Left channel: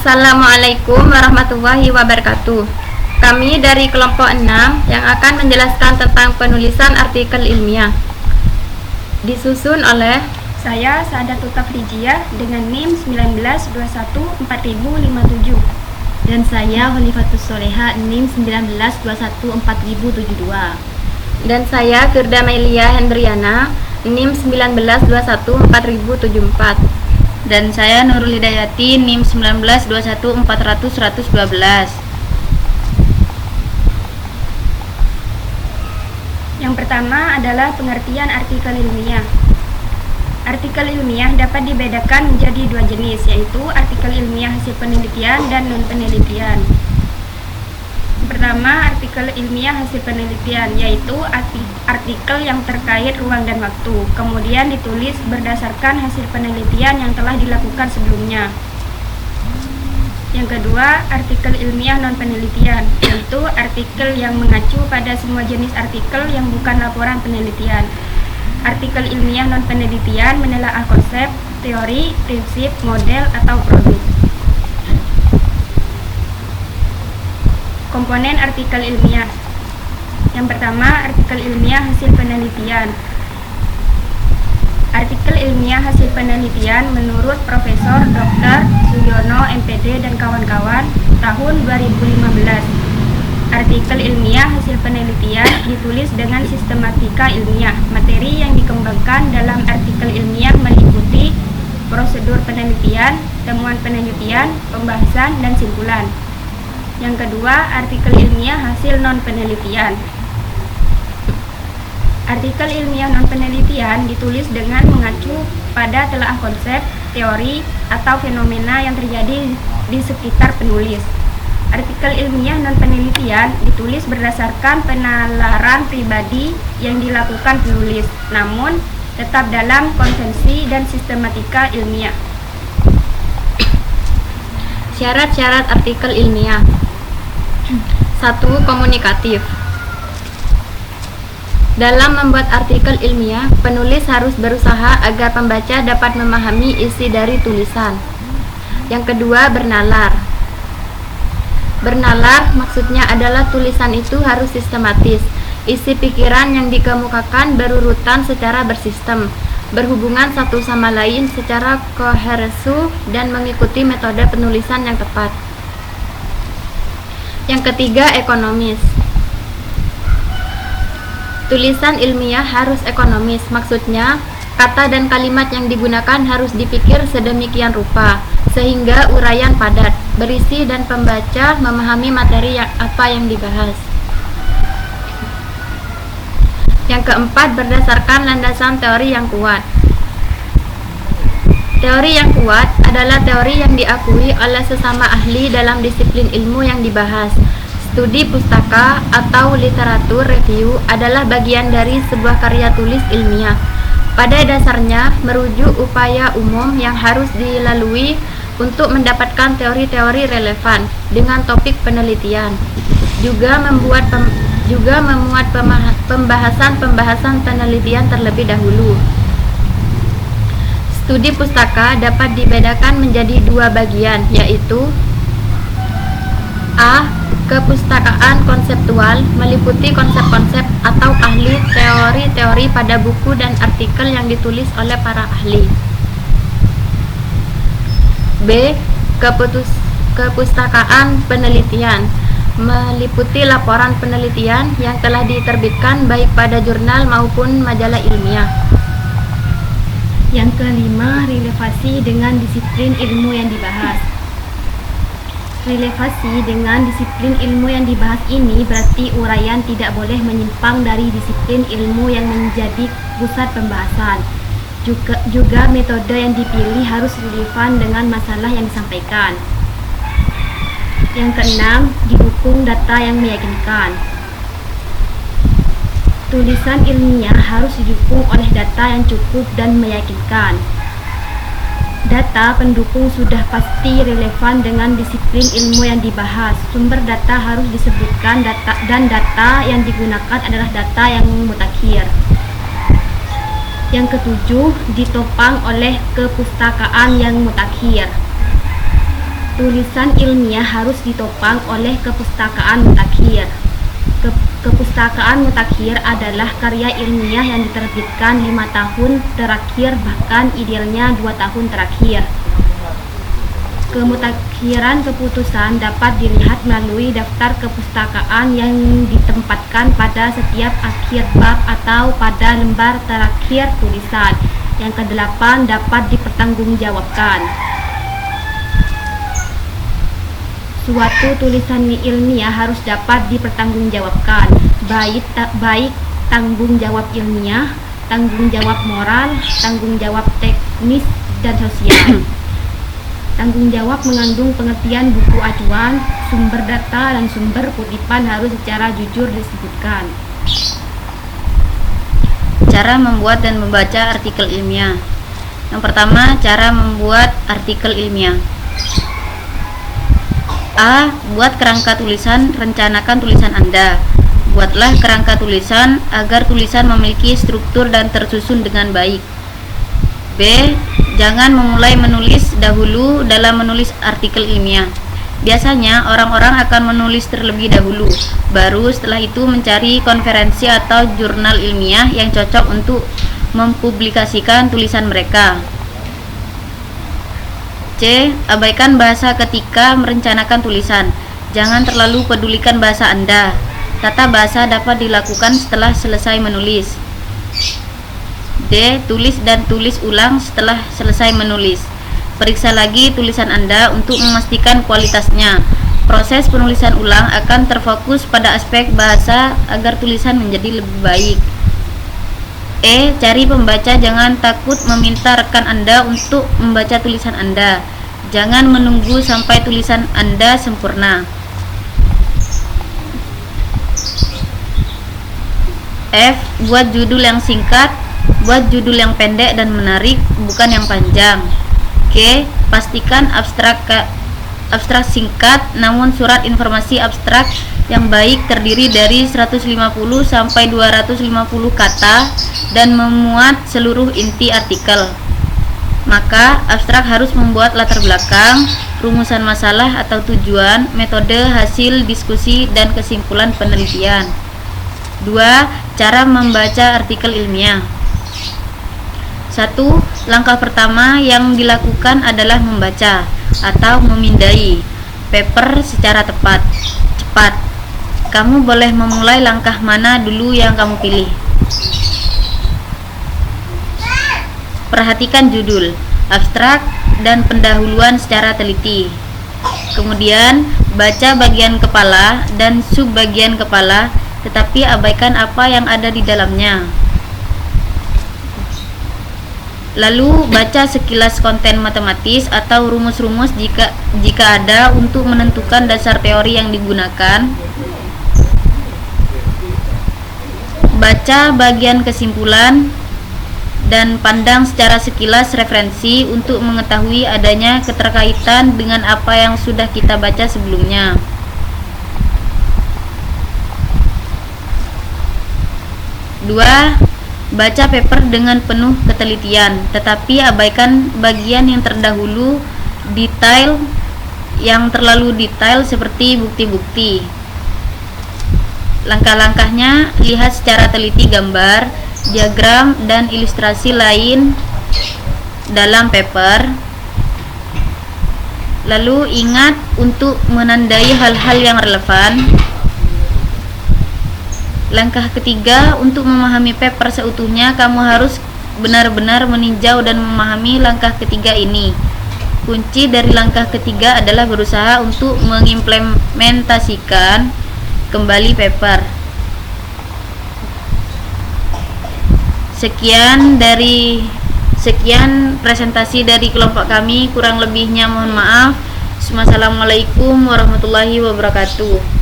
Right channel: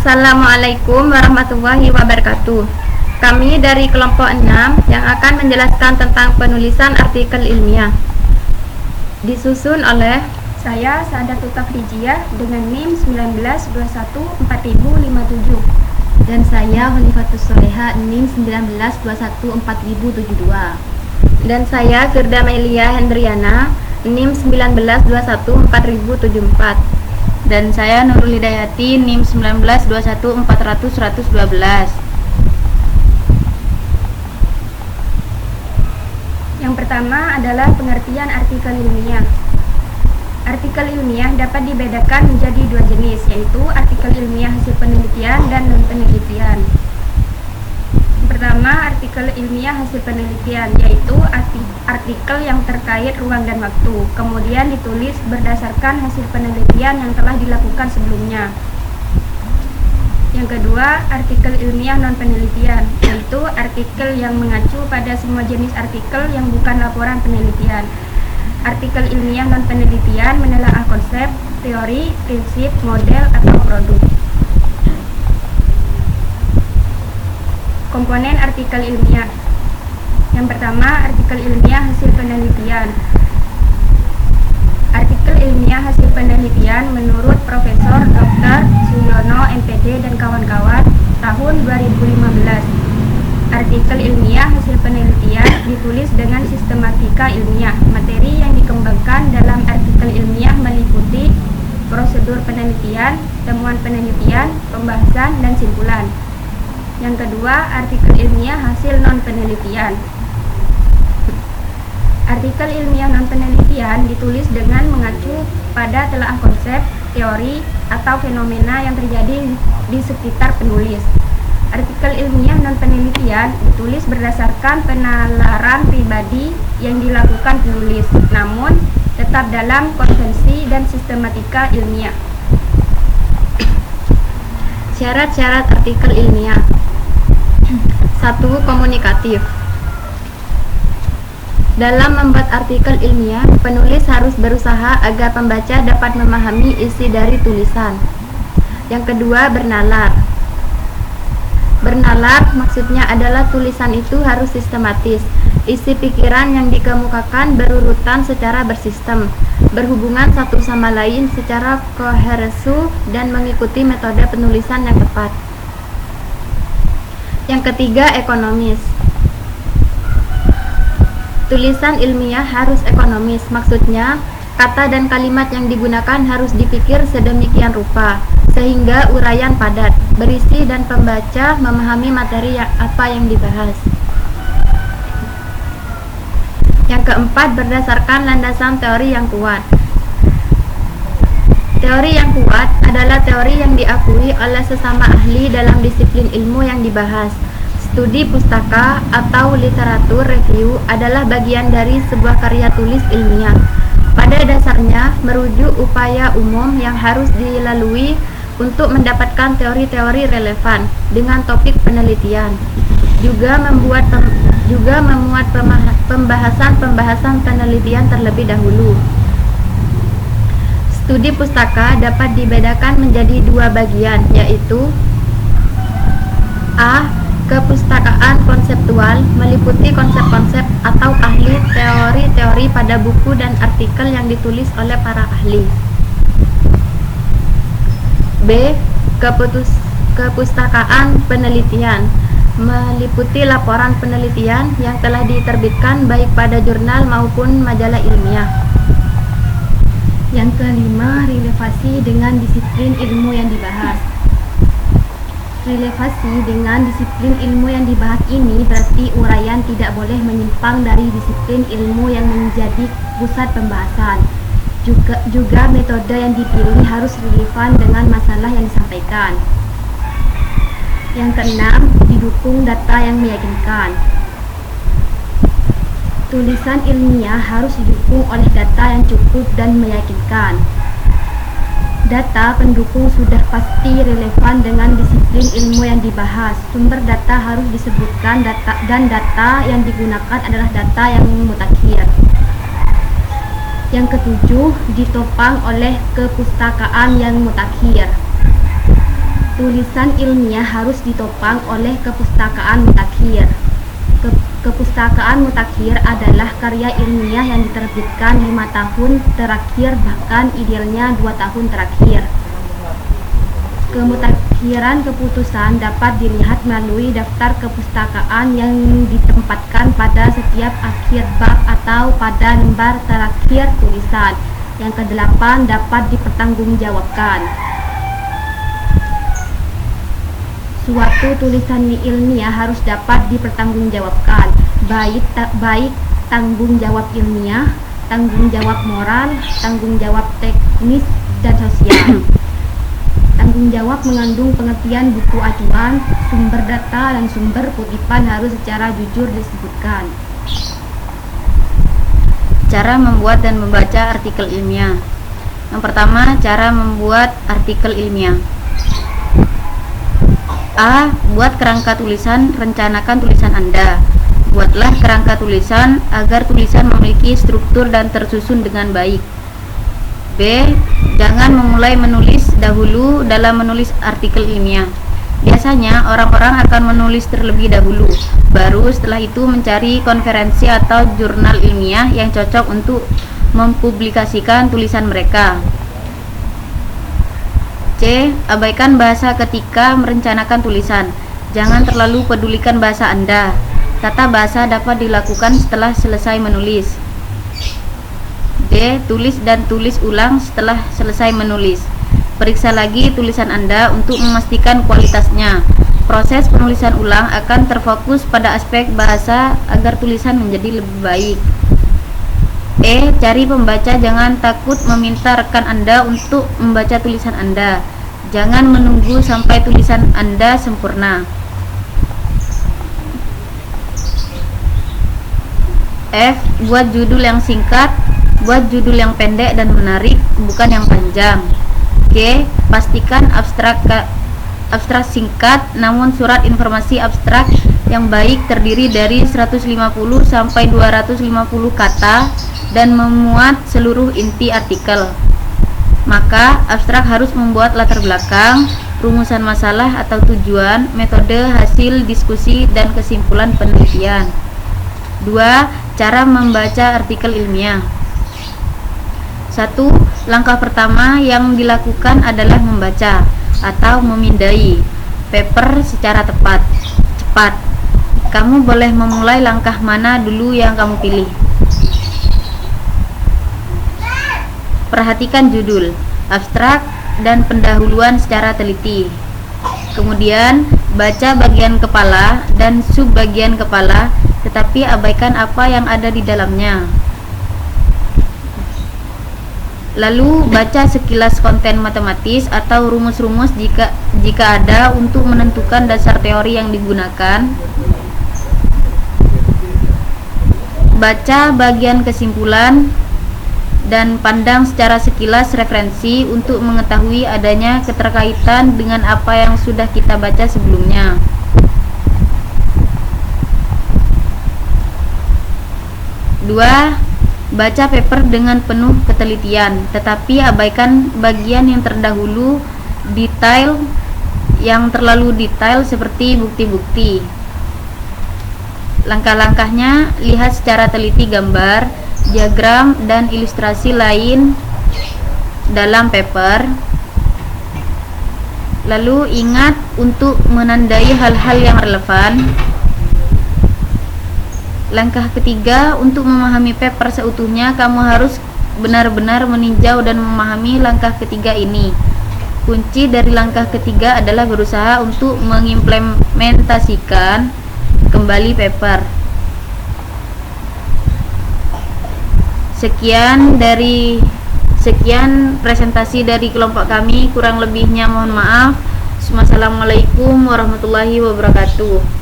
Assalamualaikum warahmatullahi wabarakatuh. Kami dari kelompok 6 yang akan menjelaskan tentang penulisan artikel ilmiah. Disusun oleh saya Saadatul Tafrijiyah dengan NIM 19214057 dan saya Khalifatus Soleha NIM 19214072 dan saya Firda Melia Hendriana NIM 19214074 dan saya Nurul Hidayati NIM 1921400112. Yang pertama adalah pengertian artikel ilmiah. Artikel ilmiah dapat dibedakan menjadi dua jenis, yaitu artikel ilmiah hasil penelitian dan non-penelitian. Pertama, artikel ilmiah hasil penelitian, yaitu artikel yang terkait ruang dan waktu, kemudian ditulis berdasarkan hasil penelitian yang telah dilakukan sebelumnya. Yang kedua, artikel ilmiah non-penelitian, yaitu artikel yang mengacu pada semua jenis artikel yang bukan laporan penelitian. Artikel ilmiah non-penelitian menelaah konsep, teori, prinsip, model, atau produk. Komponen artikel ilmiah. Yang pertama, artikel ilmiah hasil penelitian. Artikel ilmiah hasil penelitian menurut Profesor Dr. Suyono MPD dan kawan-kawan tahun 2015. Artikel ilmiah hasil penelitian ditulis dengan sistematika ilmiah. Materi yang dikembangkan dalam artikel ilmiah meliputi prosedur penelitian, temuan penelitian, pembahasan, dan simpulan. Yang kedua, artikel ilmiah hasil non-penelitian. Artikel ilmiah non-penelitian ditulis dengan mengacu pada telaah konsep, teori, atau fenomena yang terjadi di sekitar penulis. Artikel ilmiah non-penelitian ditulis berdasarkan penalaran pribadi yang dilakukan penulis, namun tetap dalam konvensi dan sistematika ilmiah. Syarat-syarat artikel ilmiah. 1. Komunikatif. Dalam membuat artikel ilmiah, penulis harus berusaha agar pembaca dapat memahami isi dari tulisan. Yang kedua, bernalar. Bernalar maksudnya adalah tulisan itu harus sistematis. Isi pikiran yang dikemukakan berurutan secara bersistem, berhubungan satu sama lain secara koherensi dan mengikuti metode penulisan yang tepat. Yang ketiga, ekonomis. Tulisan ilmiah harus ekonomis, maksudnya kata dan kalimat yang digunakan harus dipikir sedemikian rupa sehingga uraian padat, berisi, dan pembaca memahami materi apa yang dibahas. Yang keempat, berdasarkan landasan teori yang kuat. Teori yang kuat adalah teori yang diakui oleh sesama ahli dalam disiplin ilmu yang dibahas. Studi pustaka atau literatur review adalah bagian dari sebuah karya tulis ilmiah. Pada dasarnya, merujuk upaya umum yang harus dilalui untuk mendapatkan teori-teori relevan dengan topik penelitian. Juga memuat pembahasan penelitian terlebih dahulu. Studi pustaka dapat dibedakan menjadi dua bagian, yaitu A. Kepustakaan konseptual, meliputi konsep-konsep atau ahli teori-teori pada buku dan artikel yang ditulis oleh para ahli. B. Kepustakaan penelitian, meliputi laporan penelitian yang telah diterbitkan baik pada jurnal maupun majalah ilmiah. Yang kelima, relevasi dengan disiplin ilmu yang dibahas. Relevasi dengan disiplin ilmu yang dibahas ini berarti uraian tidak boleh menyimpang dari disiplin ilmu yang menjadi pusat pembahasan. Juga metode yang dipilih harus relevan dengan masalah yang disampaikan. Yang keenam, didukung data yang meyakinkan. Tulisan ilmiah harus didukung oleh data yang cukup dan meyakinkan. Data pendukung sudah pasti relevan dengan disiplin ilmu yang dibahas. Sumber data harus disebutkan dan data yang digunakan adalah data yang mutakhir. Yang ketujuh, ditopang oleh kepustakaan yang mutakhir. Tulisan ilmiah harus ditopang oleh kepustakaan mutakhir. Kepustakaan mutakhir adalah karya ilmiah yang diterbitkan 5 tahun terakhir, bahkan idealnya 2 tahun terakhir. Kemutakhiran keputusan dapat dilihat melalui daftar kepustakaan yang ditempatkan pada setiap akhir bab atau pada lembar terakhir tulisan. Yang ke-8 dapat dipertanggungjawabkan. Suatu tulisan ilmiah harus dapat dipertanggungjawabkan, baik tanggung jawab ilmiah, tanggung jawab moral, tanggung jawab teknis dan sosial. Tanggung jawab mengandung pengertian buku acuan, sumber data, dan sumber kutipan harus secara jujur disebutkan. Cara membuat dan membaca artikel ilmiah. Yang pertama, cara membuat artikel ilmiah. A. Buat kerangka tulisan, rencanakan tulisan Anda. Buatlah kerangka tulisan agar tulisan memiliki struktur dan tersusun dengan baik. B. Jangan memulai menulis dahulu dalam menulis artikel ilmiah. Biasanya orang-orang akan menulis terlebih dahulu, baru setelah itu mencari konferensi atau jurnal ilmiah yang cocok untuk mempublikasikan tulisan mereka. C. Abaikan bahasa ketika merencanakan tulisan. Jangan terlalu pedulikan bahasa Anda. Tata bahasa dapat dilakukan setelah selesai menulis. D. Tulis dan tulis ulang setelah selesai menulis. Periksa lagi tulisan Anda untuk memastikan kualitasnya. Proses penulisan ulang akan terfokus pada aspek bahasa agar tulisan menjadi lebih baik. E. Cari pembaca. Jangan takut meminta rekan Anda untuk membaca tulisan Anda. Jangan menunggu sampai tulisan Anda sempurna. F. Buat judul yang singkat. Buat judul yang pendek dan menarik, bukan yang panjang. G. Pastikan abstrak singkat, namun surat informasi abstrak yang baik terdiri dari 150 sampai 250 kata dan memuat seluruh inti artikel. Maka, abstrak harus membuat latar belakang, rumusan masalah atau tujuan, metode, hasil diskusi, dan kesimpulan penelitian. 2. Cara membaca artikel ilmiah. 1. Langkah pertama yang dilakukan adalah membaca atau memindai paper secara cepat. Kamu boleh memulai langkah mana dulu yang kamu pilih. Perhatikan judul, abstrak, dan pendahuluan secara teliti. Kemudian, baca bagian kepala dan subbagian kepala, tetapi abaikan apa yang ada di dalamnya. Lalu baca sekilas konten matematis atau rumus-rumus jika ada untuk menentukan dasar teori yang digunakan. Baca bagian kesimpulan dan pandang secara sekilas referensi untuk mengetahui adanya keterkaitan dengan apa yang sudah kita baca sebelumnya. Dua, baca paper dengan penuh ketelitian, tetapi abaikan bagian yang terdahulu yang terlalu detail seperti bukti-bukti. Langkah-langkahnya, lihat secara teliti gambar, diagram, dan ilustrasi lain dalam paper. Lalu ingat untuk menandai hal-hal yang relevan. Langkah ketiga, untuk memahami paper seutuhnya, kamu harus benar-benar meninjau dan memahami langkah ketiga ini. Kunci dari langkah ketiga adalah berusaha untuk mengimplementasikan kembali paper. Sekian presentasi dari kelompok kami, kurang lebihnya mohon maaf. Wassalamualaikum warahmatullahi wabarakatuh.